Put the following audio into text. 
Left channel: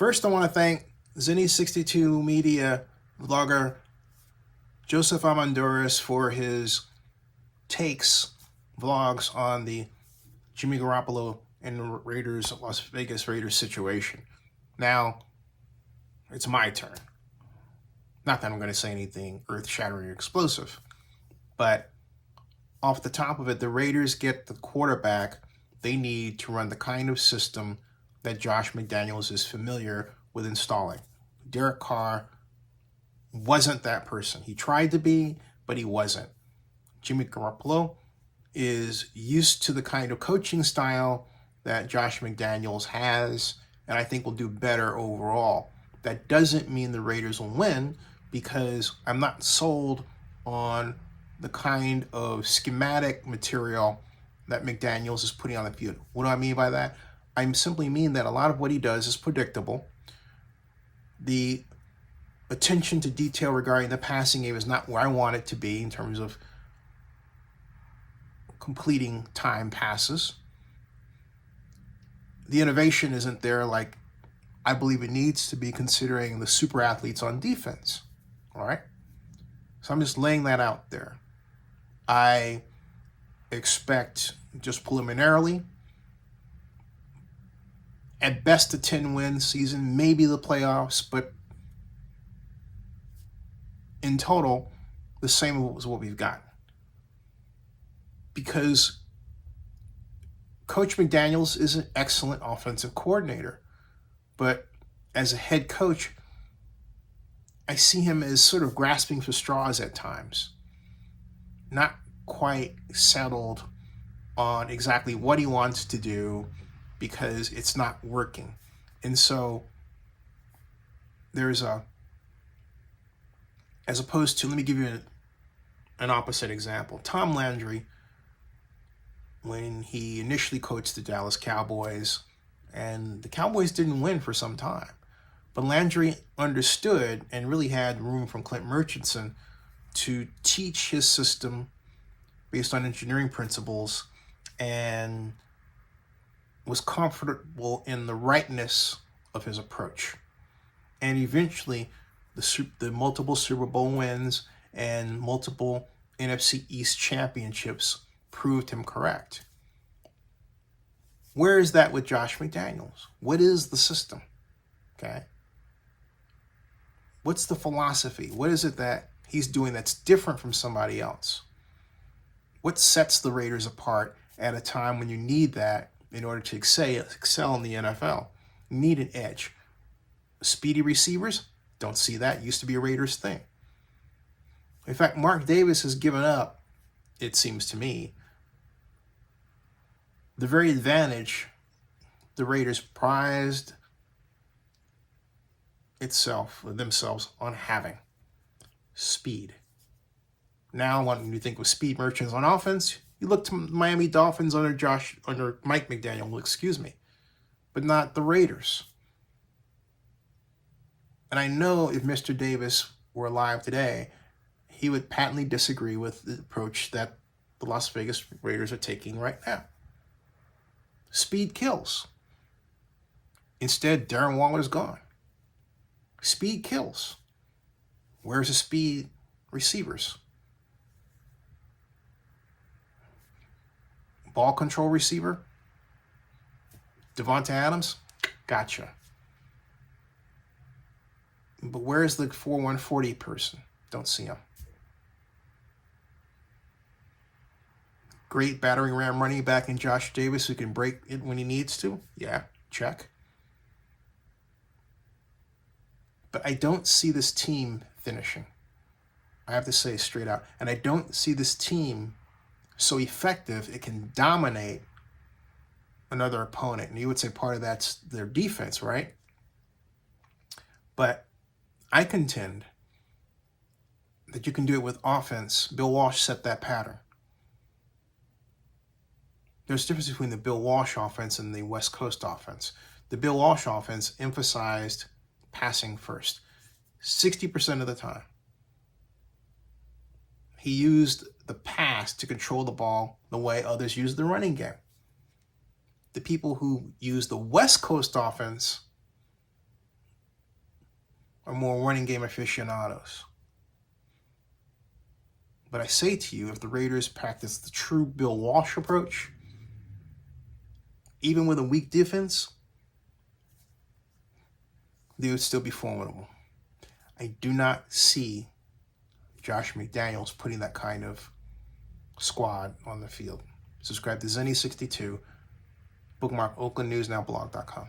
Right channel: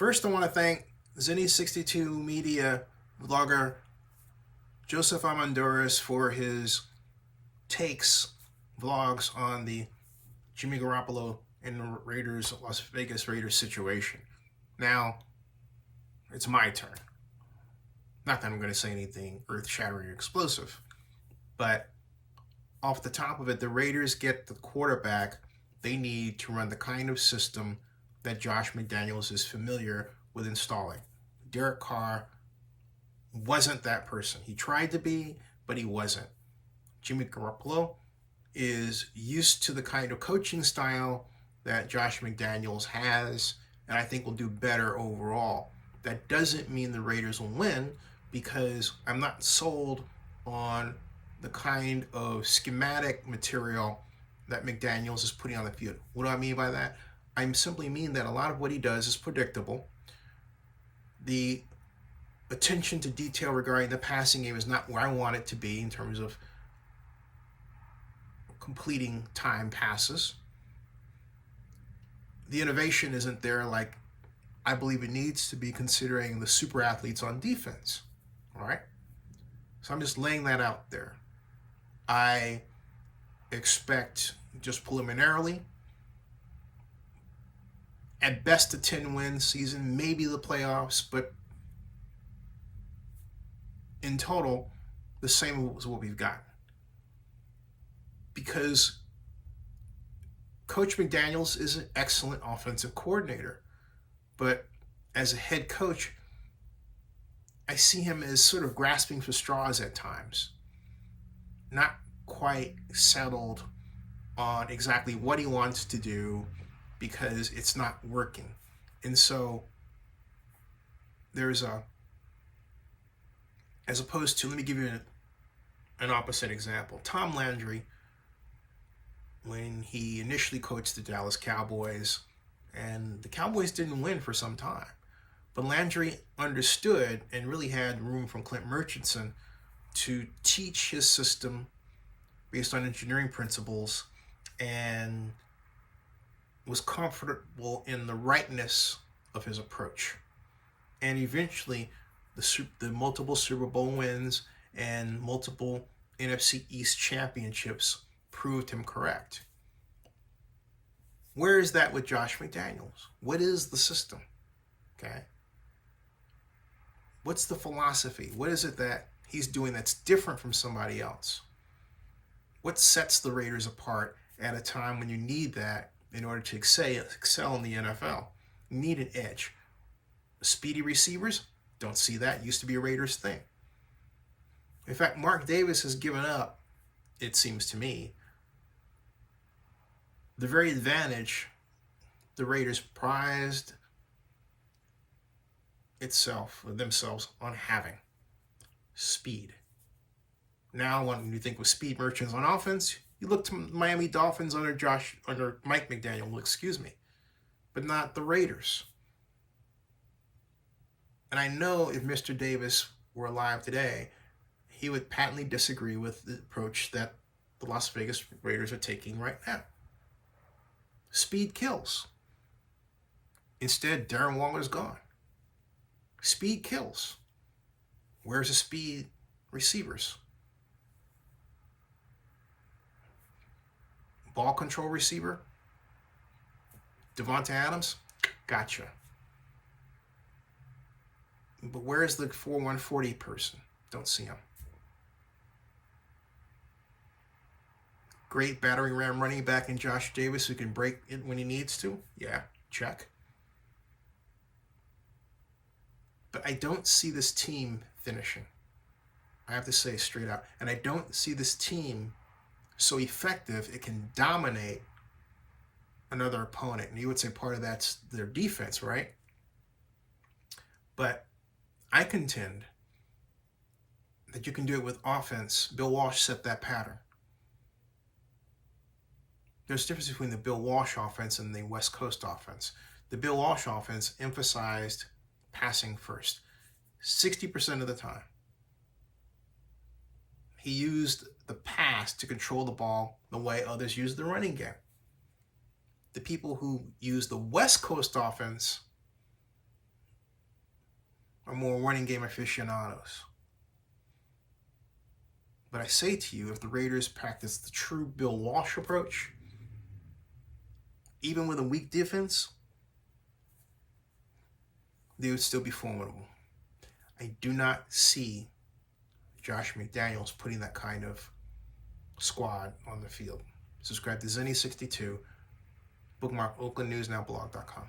First, I want to thank Zenny62 Media vlogger Joseph Amanduras for his vlogs on the Jimmy Garoppolo and Las Vegas Raiders situation. Now, it's my turn. Not that I'm going to say anything earth-shattering or explosive, but off the top of it, the Raiders get the quarterback they need to run the kind of system that Josh McDaniels is familiar with installing. Derek Carr wasn't that person. He tried to be, but he wasn't. Jimmy Garoppolo is used to the kind of coaching style that Josh McDaniels has, and I think will do better overall. That doesn't mean the Raiders will win, because I'm not sold on the kind of schematic material that McDaniels is putting on the field. What do I mean by that? I simply mean that a lot of what he does is predictable. The attention to detail regarding the passing game is not where I want it to be in terms of completing time passes. The innovation isn't there like I believe it needs to be, considering the super athletes on defense. All right? So I'm just laying that out there. I expect, just preliminarily, at best a 10-win season, maybe the playoffs, but in total, the same as what we've got. Because Coach McDaniels is an excellent offensive coordinator, but as a head coach, I see him as sort of grasping for straws at times, not quite settled on exactly what he wants to do because it's not working. And so there's as opposed to, let me give you an opposite example. Tom Landry, when he initially coached the Dallas Cowboys, and the Cowboys didn't win for some time, but Landry understood and really had room from Clint Murchison to teach his system based on engineering principles, and was comfortable in the rightness of his approach. And eventually, the multiple Super Bowl wins and multiple NFC East championships proved him correct. Where is that with Josh McDaniels? What is the system? Okay. What's the philosophy? What is it that he's doing that's different from somebody else? What sets the Raiders apart at a time when you need that in order to excel in the NFL? You need an edge. Speedy receivers? Don't see that. Used to be a Raiders thing. In fact, Mark Davis has given up, it seems to me, the very advantage the Raiders prized themselves on having: speed. Now, when you think of speed merchants on offense, you look to Miami Dolphins under Mike McDaniel, but not the Raiders. And I know if Mr. Davis were alive today, he would patently disagree with the approach that the Las Vegas Raiders are taking right now. Speed kills. Instead, Darren Waller's gone. Speed kills. Where's the speed receivers? Ball control receiver? Devonta Adams? Gotcha. But where's the 4-1-40 person? Don't see him. Great battering ram running back in Josh Davis who can break it when he needs to? Yeah, check. But I don't see this team finishing. I have to say straight out. And I don't see this team so effective it can dominate another opponent. And you would say part of that's their defense, right? But I contend that you can do it with offense. Bill Walsh set that pattern. There's a difference between the Bill Walsh offense and the West Coast offense. The Bill Walsh offense emphasized passing first, 60% of the time. He used the pass to control the ball the way others use the running game. The people who use the West Coast offense are more running game aficionados. But I say to you, if the Raiders practice the true Bill Walsh approach, even with a weak defense, they would still be formidable. I do not see Josh McDaniels putting that kind of squad on the field. Subscribe to Zenny62. Bookmark OaklandNewsNowBlog.com.